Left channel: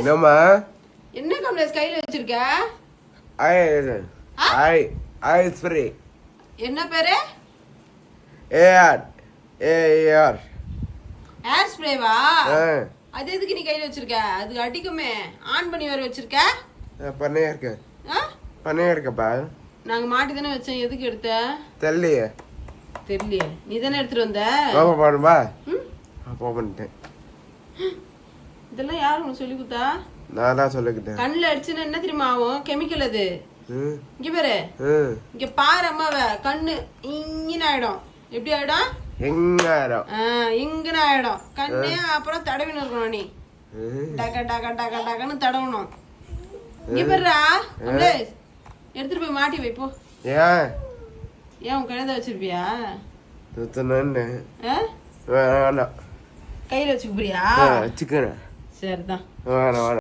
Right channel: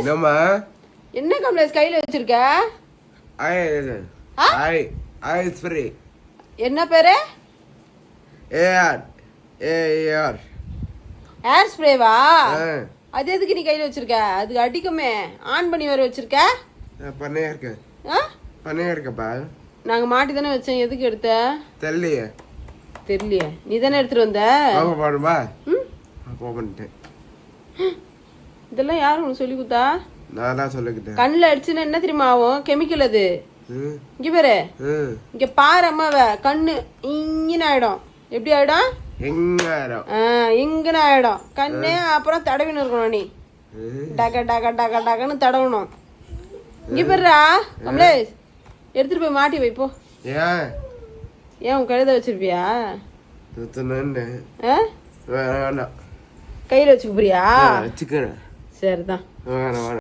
என்னம்மா என்ன கம்ப்ளைண்ட் கையில வச்சிருக்க? ஐ ஸ்ப்ரே. என்ன பேரு? ஏஆர் ஏர் ஸ்ப்ரேவா? அது எதுக்கு நீ கையில வச்சிருக்க? அதுக்கு அடிக்குமே. ஆன் பண்ணி வர வச்சிருக்க? பண்ணையா இருக்க. பண்ணையா இருக்கப்பா. நாங்க மாட்டி தானே வச்சோம். எதுக்கு எடுத்த? தெரியலையே. நீ தானே எடுத்துட்டு வந்த? பாப்பா பாடுமா? பண்ணிட்டேன். இதெல்லாம் யாரு உனக்கு சொல்லி கொடுத்தா? நான் தான் சொல்லிக்கிட்டேன். கண்ணுல அடிச்சுன்னா என்ன தெரியுமா ஆகும்? கெமிக்கல் அது. இங்க பாரு, இங்க பாரு அம்மாவ. கண்ணு இங்கன்னு ஆயிடும். எப்படி ஆயிடும்? இங்கன்னு ஆயிடும் கண்ணே. அப்புறம் தடவின்னு இருக்கணும் நீ. டக டக டக டகன்னு தடவணும். இங்க பாருடா கமலேஷ், எடுத்துட்டு போய் மாட்டி வைப்போ. ஏன் உன் கழுத வச்சிருப்பியா? கையில வச்சுக்க போறியா? சிக்கன் சரிதான்.